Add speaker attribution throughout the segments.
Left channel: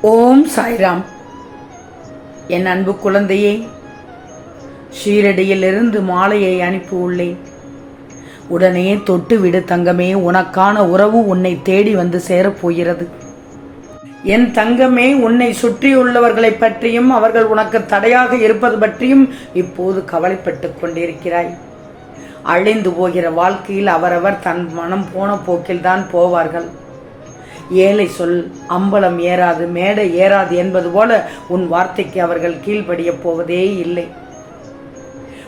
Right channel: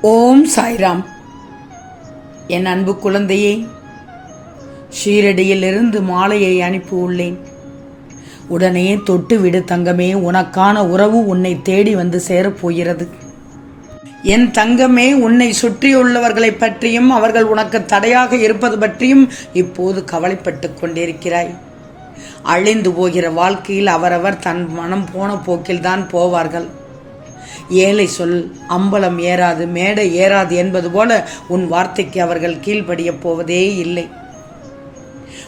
Speaker 1: ஓம் சாய்ராம். என் அன்பு குழந்தையே ஷீரடியிலிருந்து மாலையை அனுப்பி உள்ளேன். உடனே தொட்டுவிடு தங்கமே உனக்கான உறவு உன்னை தேடி வந்து சேரப்போகிறது. என் தங்கமே உன்னை சுற்றியுள்ளவர்களைப் பற்றியும் அவர்கள் உனக்கு தடையாக இருப்பது பற்றியும் இப்போது கவலைப்பட்டு கொண்டிருக்கிறாய். அழிந்து போகிற வாழ்க்கையில் அவரவர் தன் மனம் போன போக்கில்தான் போவார்கள். ஏழை சொல் அம்பலம் ஏறாது மேடை ஏறாது என்பது போல உன் வார்த்தைக்கு அவர்கள் கீழ்ப்படிய போவதே இல்லை.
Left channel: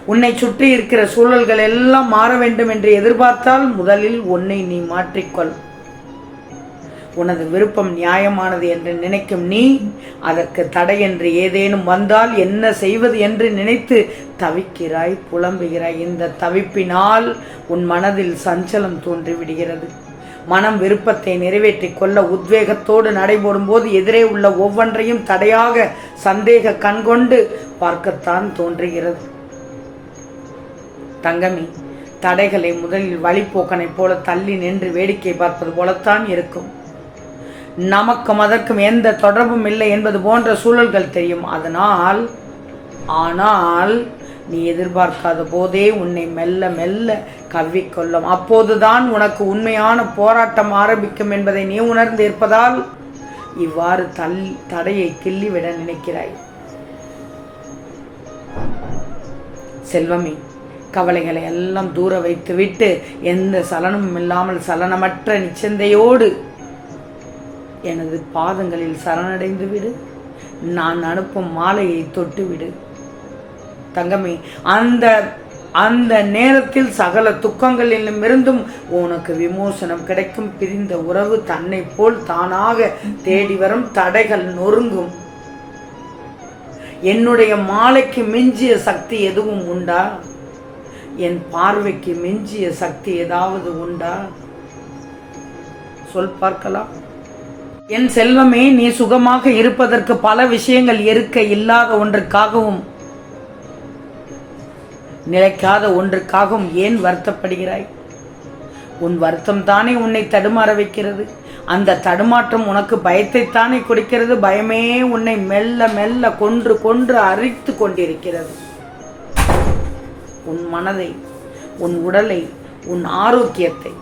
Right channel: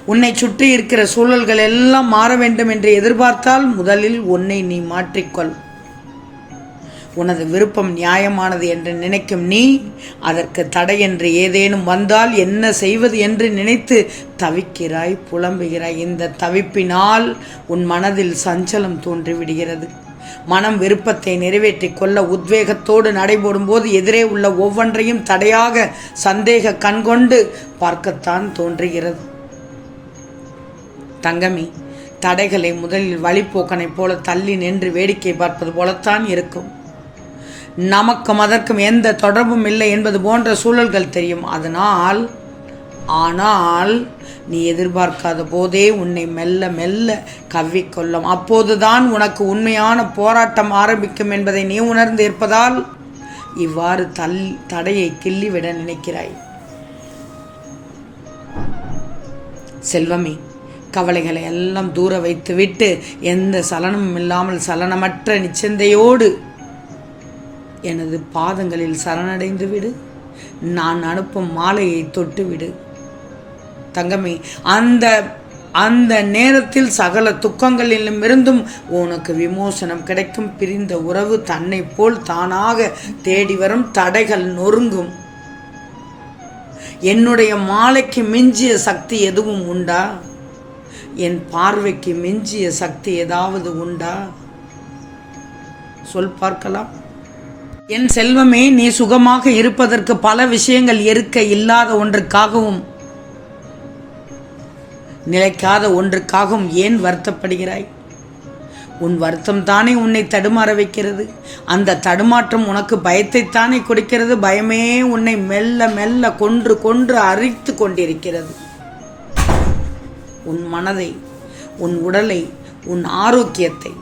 Speaker 1: உன்னை சுற்றி இருக்கிற சூழல்கள் எல்லாம் மாற வேண்டும் என்று எதிர்பார்த்தால் முதலில் உன்னை நீ மாற்றிக்கொள். உனது விருப்பம் நியாயமானது என்று நினைக்கும் நீ அதற்கு தடை என்று ஏதேனும் வந்தால் என்ன செய்வது என்று நினைத்து தவிக்கிறாய் புலம்புகிறாய். இந்த தவிப்பினால் உன் மனதில் சஞ்சலம் தோன்றிவிடுகிறது. மனம் விருப்பத்தை நிறைவேற்றிக் கொள்ள உத்வேகத்தோடு நடைபோடும் போது எதிரே உள்ள ஒவ்வொன்றையும் தடையாக சந்தேக கண்கொண்டு பார்க்கத்தான் தோன்றுகிறது. தங்கமி தடைகளை முதலில் வழிப்போக்கனைப் போல தள்ளி நின்று வேடிக்கை பார்ப்பது போலத்தான் இருக்கும். நமக்கும் அதற்கும் எந்த தொடர்பும் இல்லை என்பது போன்ற சூழல்கள் தெரியும். அதனால் ஆனால் நீ எதிர்பார்க்காத போதே உன்னை மெல்ல மெல்ல கவ்விக்கொள்ளும் அப்போதுதான் உனக்கு உண்மையான போராட்டம் ஆரம்பிக்கும் என்பதை நீ உணர்ந்து இருப்பதால் இவ்வாறு தல் தடையை கிள்ளிவிட நினைக்கிறாய். செல்வமே கவலைகளை எல்லாம் தூர வைத்துவிட்டு எந்த சலனமும் இல்லாமல் சலனமற்ற நிச்சந்தையோடு எனது பாதங்களில் சரணடைந்து விடு நான் அனுப்பும் மாலையை தொட்டுவிடு. தங்கமே அந்த அந்த நேரத்தில் சகல துக்கங்களிலும் இருந்தும் உனக்கு விமோசனம் கிடைக்கும். பிரிந்த உறவு தன்னை போல் தானாக தேடி வரும் தடைகள் நொறுங்கும். என்னுடைய மாலைக்கு மிஞ்சிய சக்தி எதுவும் உண்டா? என் பார்வைக்கு மிஞ்சிய சக்தி ஏதாவது உண்டா? சொல் பார்க்கலாம். என் செல்வமே நீ சுகமாக இருப்பதற்கு பல விஷயங்கள் இருக்க இல்லாத ஒன்றுக்காகவும் நிலைக்காத ஒன்றுக்காகவும் ஏன் வருத்தப்படுகிறாய்? உன் வருத்தம் தானே உன்னை தடுமாற வைக்கிறது. அந்த தடுமாற்றம் உனக்கு பயத்தைத்தானே கொடுக்கிறது. பயமே உன்னை மெல்ல மெல்ல கொன்று கொன்று அரித்து கொண்டிருக்கிறது. உன் மனதை உன் உடலை உன் ஆரோக்கியத்தை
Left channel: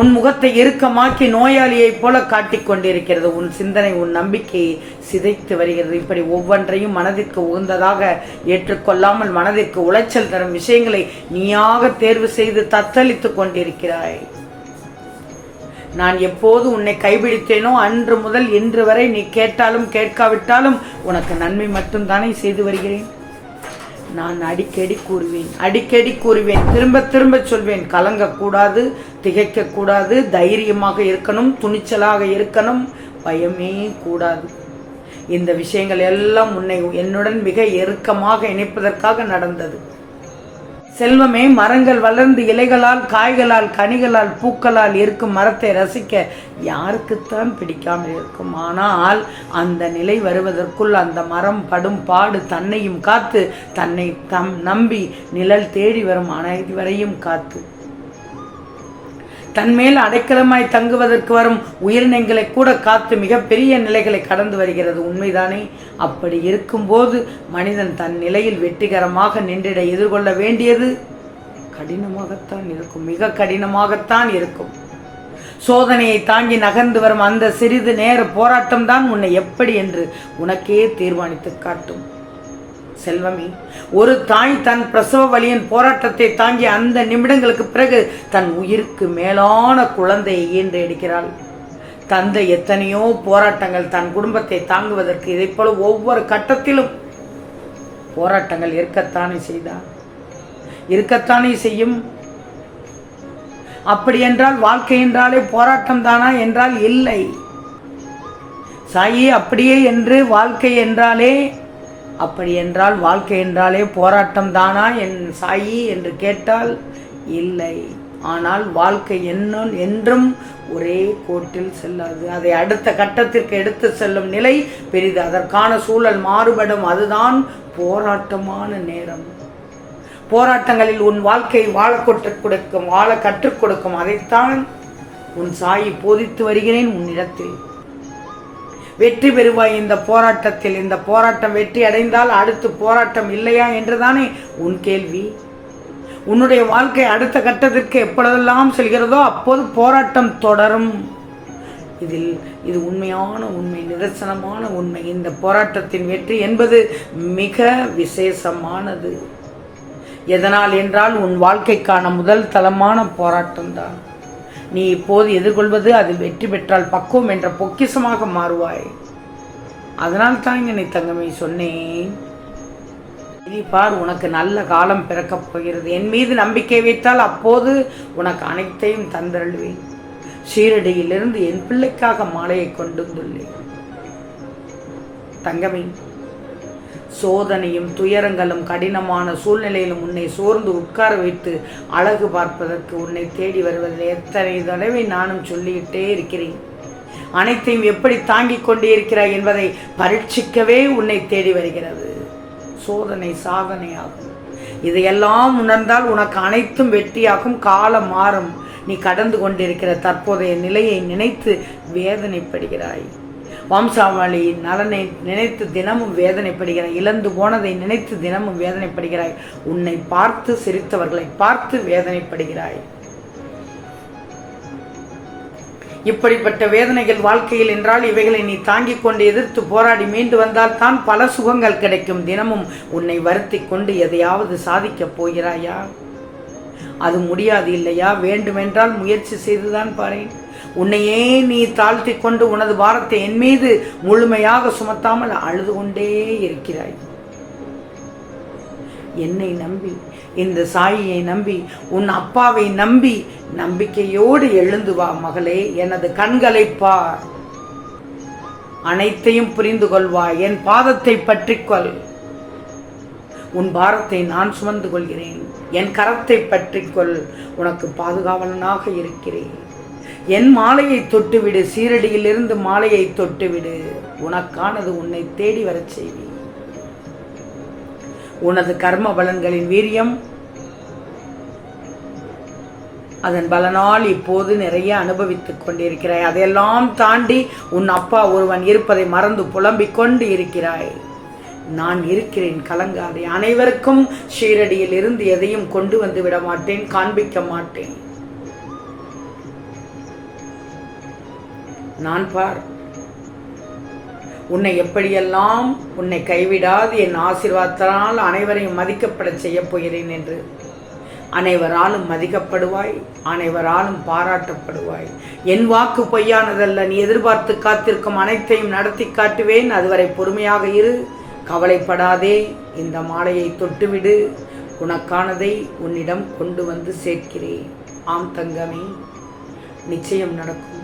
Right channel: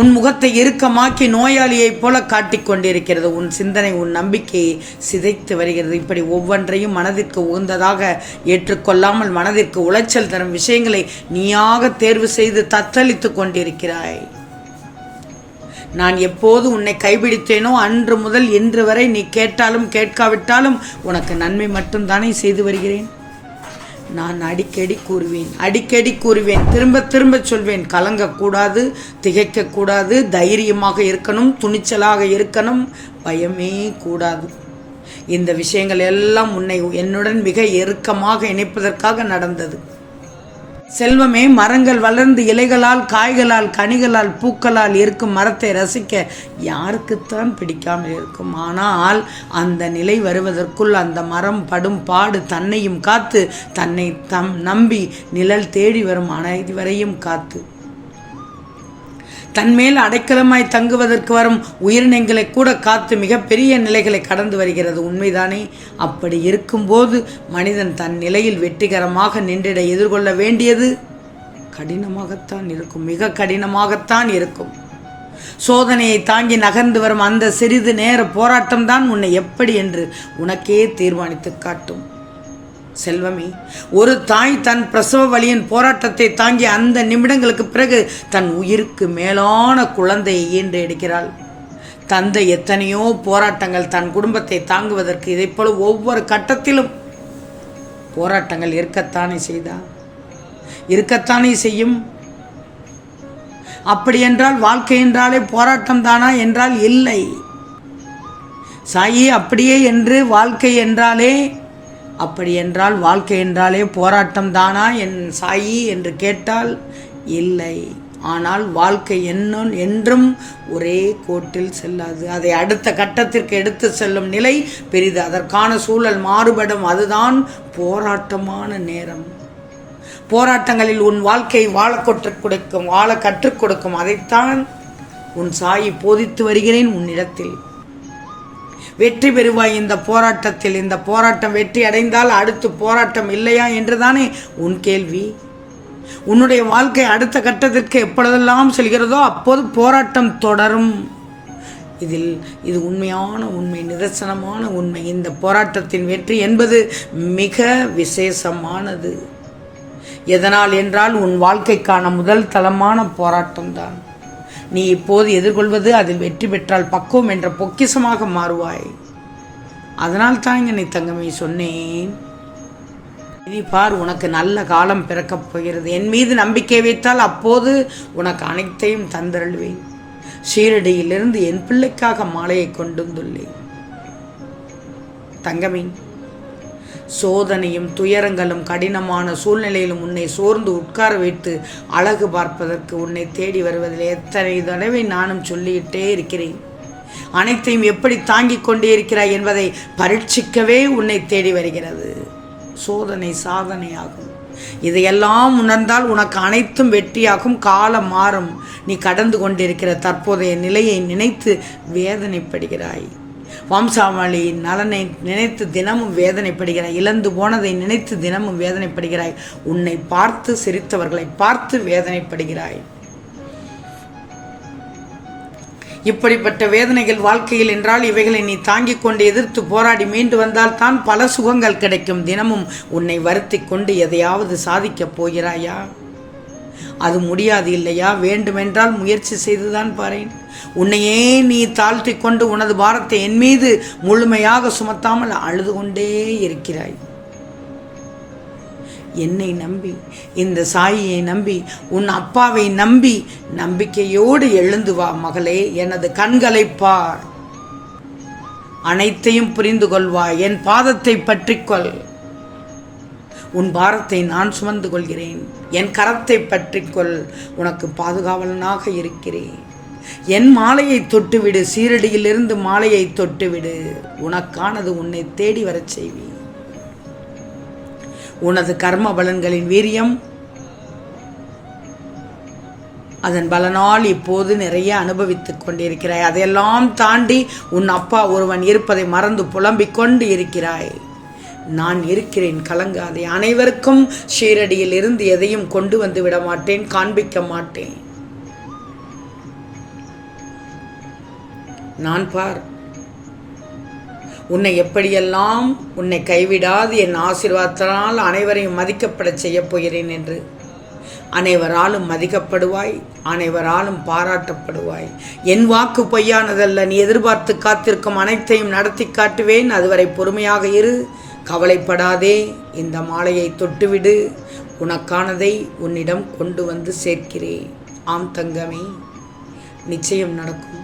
Speaker 1: உன் முகத்தை இறுக்கமாக்கி நோயாளியைப் போல காட்டிக் கொண்டிருக்கிறது. உன் சிந்தனை உன் நம்பிக்கையை சிதைத்து வருகிறது. இப்படி ஒவ்வொன்றையும் மனதிற்கு உகந்ததாக ஏற்றுக்கொள்ளாமல் மனதிற்கு உளைச்சல் தரும் விஷயங்களை நீயாக தேர்வு செய்து தத்தளித்துக் கொண்டிருக்கிறாய். நான் எப்போது உன்னை கைபிடித்தேனோ அன்று முதல் இன்று வரை நீ கேட்டாலும் கேட்காவிட்டாலும் உனக்கு நன்மை மட்டும்தானே செய்து வருகிறேன். நான் அடிக்கடி கூறுவேன் அடிக்கடி கூறுவேன். திரும்ப திரும்ப சொல்வேன் கலங்கக்கூடாது திகைக்கக்கூடாது தைரியமாக இருக்கணும் துணிச்சலாக இருக்கணும் பயமே கூடாது. இந்த விஷயங்கள் எல்லாம் உன்னை என்னுடன் மிக இறுக்கமாக இணைப்பதற்காக நடந்தது. செல்வமே மரங்கள் வளர்ந்து இலைகளால் காய்களால் கனிகளால் பூக்களால் இருக்கும் மரத்தை ரசிக்க யாருக்குத்தான் பிடிக்காமல் இருக்கும். ஆனால் அந்த நிலை வருவதற்குள் அந்த மரம் படும் பாடு தன்னையும் காத்து தன்னை தம் நம்பி நிழல் தேடி வரும் அனைவரையும் காத்து. தன்மேல் அடைக்கலமாய் தங்குவதற்கு வரும் உயிரினங்களை கூட காத்து மிகப்பெரிய நிலைகளை கடந்து வருகிறது. உண்மைதானே? அப்படி இருக்கும்போது மனிதன் தன் நிலையில் வெற்றிகரமாக நின்றிட எதிர்கொள்ள வேண்டியது கடினமாகத்தான் இருக்கும் மிக கடினமாகத்தான் இருக்கும். சோதனையை தாங்கி நகர்ந்து வரும் அந்த சிறிது நேர போராட்டம்தான் உன்னை எப்படி என்று உனக்கே தீர்மானித்து காட்டும். செல்வமே ஒரு தாய் தன் பிரசவ வழியின் போராட்டத்தை தாங்கி அந்த நிமிடங்களுக்கு பிறகு தன் உயிருக்கு மேலான குழந்தையை ஈன்று எடுக்கிறாள் தந்தை எத்தனையோ போராட்டங்கள் தன் குடும்பத்தை தாங்குவதற்கு இதைப்போல ஒவ்வொரு கட்டத்திலும் போராட்டங்கள் இருக்கத்தானே செய்தா இருக்கத்தானே செய்யும். அப்படி என்றால் வாழ்க்கை என்றாலே போராட்டம் தானா என்றால் இல்லை. சாயி அப்படியே என்று வாழ்க்கை என்றாலே அப்படி என்றால் வாழ்க்கை என்றாலே போராட்டம் தானா என் சாயி என்று கேட்டால் இல்லை. ஆனால் வாழ்க்கை என்ன என்றும் ஒரே கோட்டில் செல்லாது. அதை அடுத்த கட்டத்திற்கு எடுத்து செல்லும் நிலை பெரிது. அதற்கான சூழல் மாறுபடும். அதுதான் போராட்டமான நேரம். போராட்டங்களில் உன் வாழ்க்கை வாழ கற்றுக் கொடுக்கும் வாழ கற்றுக் கொடுக்கும். அதைத்தான் உன் சாயி போதித்து வருகிறேன் உன்னிடத்தில். வெற்றி பெறுவாய் இந்த போராட்டத்தில். இந்த போராட்டம் வெற்றி அடைந்தால் அடுத்து போராட்டம் இல்லையா என்றுதானே உன் கேள்வி? உன்னுடைய வாழ்க்கை அடுத்த கட்டத்திற்கு எப்பொழுதெல்லாம் செல்கிறதோ அப்போது போராட்டம் தொடரும். இதில் இது உண்மையான உண்மை நிதர்சனமான உண்மை. இந்த போராட்டத்தின் வெற்றி என்பது மிக விசேஷமானது. எதனால் என்றால் உன் வாழ்க்கைக்கான முதல் தளமான போராட்டம்தான். நீ இப்போது எதிர்கொள்வது அதில் வெற்றி பெற்றால் பக்குவம் என்ற பொக்கிசமாக மாறுவாய். அதனால் தான் நீ தங்கமே சொன்னேன். இனி பார் உனக்கு நல்ல காலம் பிறக்கப் போகிறது. என் மீது நம்பிக்கை வைத்தால் அப்போது உனக்கு அனைத்தையும் தந்தருள்வேன். ஷீரடியிலிருந்து என் பிள்ளைக்காக மாலையை கொண்டு வந்துள்ளேன். தங்கமே சோதனையும் துயரங்களும் கடினமான சூழ்நிலையிலும் உன்னை சோர்ந்து உட்கார வைத்து அழகு பார்ப்பதற்கு உன்னை தேடி வருவதில் எத்தனை தடவை நானும் சொல்லிக்கிட்டே இருக்கிறேன். அனைத்தையும் எப்படி தாங்கிக் கொண்டே இருக்கிறாய் என்பதை பரீட்சிக்கவே உன்னை தேடி வருகிறது. சோதனை சாதனையாகும். இதையெல்லாம் உணர்ந்தால் உனக்கு அனைத்தும் வெற்றியாகும். காலம் மாறும். நீ கடந்து கொண்டிருக்கிற தற்போதைய நிலையை நினைத்து வேதனைப்படுகிறாய். வம்சாவளியின் நலனை நினைத்து தினமும் வேதனைப்படுகிறாய். இழந்து போனதை நினைத்து தினமும் வேதனைப்படுகிறாய். உன்னை பார்த்து சிரித்தவர்களை பார்த்து வேதனைப்படுகிறாய். இப்படிப்பட்ட வேதனைகள் வாழ்க்கையில் என்றால் இவைகளை நீ தாங்கிக் கொண்டு எதிர்த்து போராடி மீண்டு வந்தால் தான் பல சுகங்கள் கிடைக்கும். தினமும் உன்னை வருத்தி கொண்டு எதையாவது சாதிக்கப் போகிறாயா? அது முடியாது இல்லையா? வேண்டுமென்றால் முயற்சி செய்துதான் பாரேன். உன்னையே நீ தாழ்த்தி கொண்டு உனது பாரத்தை என் மீது முழுமையாக சுமத்தாமல் அழுது கொண்டே இருக்கிறாய். என்னை நம்பி இந்த சாயியை நம்பி உன் அப்பாவை நம்பி நம்பிக்கையோடு எழுந்து வா மகளே எனது கண்களை பார். அனைத்தையும் புரிந்து கொள்வா என் பாதத்தை பற்றிக்கொள் உன் பாரத்தை நான் சுமந்து கொள்கிறேன் என் கரத்தை பற்றிக்கொள் உனக்கு பாதுகாவலனாக இருக்கிறேன். என் மாலையை தொட்டுவிடு சீரடியிலிருந்து மாலையை தொட்டுவிடு. உனக்கானது உன்னை தேடி வரச் செய்வி உனது கர்ம பலன்களின் வீரியம் அதன் பலனால் இப்போது நிறைய அனுபவித்துக் கொண்டிருக்கிறாய். அதையெல்லாம் தாண்டி உன் அப்பா ஒருவன் இருப்பதை மறந்து புலம்பிக் கொண்டு இருக்கிறாய். நான் இருக்கிறேன் கலங்காதே. அனைவருக்கும் ஷீரடியில் இருந்து எதையும் கொண்டு வந்து விட மாட்டேன் காண்பிக்க மாட்டேன். நான் பார். உன்னை எப்படியெல்லாம் உன்னை கைவிடாது என் ஆசீர்வாதத்தினால் அனைவரையும் மதிக்கப்படச் செய்யப் போகிறேன் என்று. அனைவராலும் மதிக்கப்படுவாய் அனைவராலும் பாராட்டப்படுவாய். என் வாக்கு பொய்யானதல்ல நீ எதிர்பார்த்து காத்திருக்கும் அனைத்தையும் நடத்தி காட்டுவேன். அதுவரை பொறுமையாக இரு கவலைப்படாதே. இந்த மாலையை தொட்டுவிடு உனக்கானதை உன்னிடம் கொண்டு வந்து சேர்க்கிறேன். ஆம் தங்கமே நிச்சயம் நடக்கும்.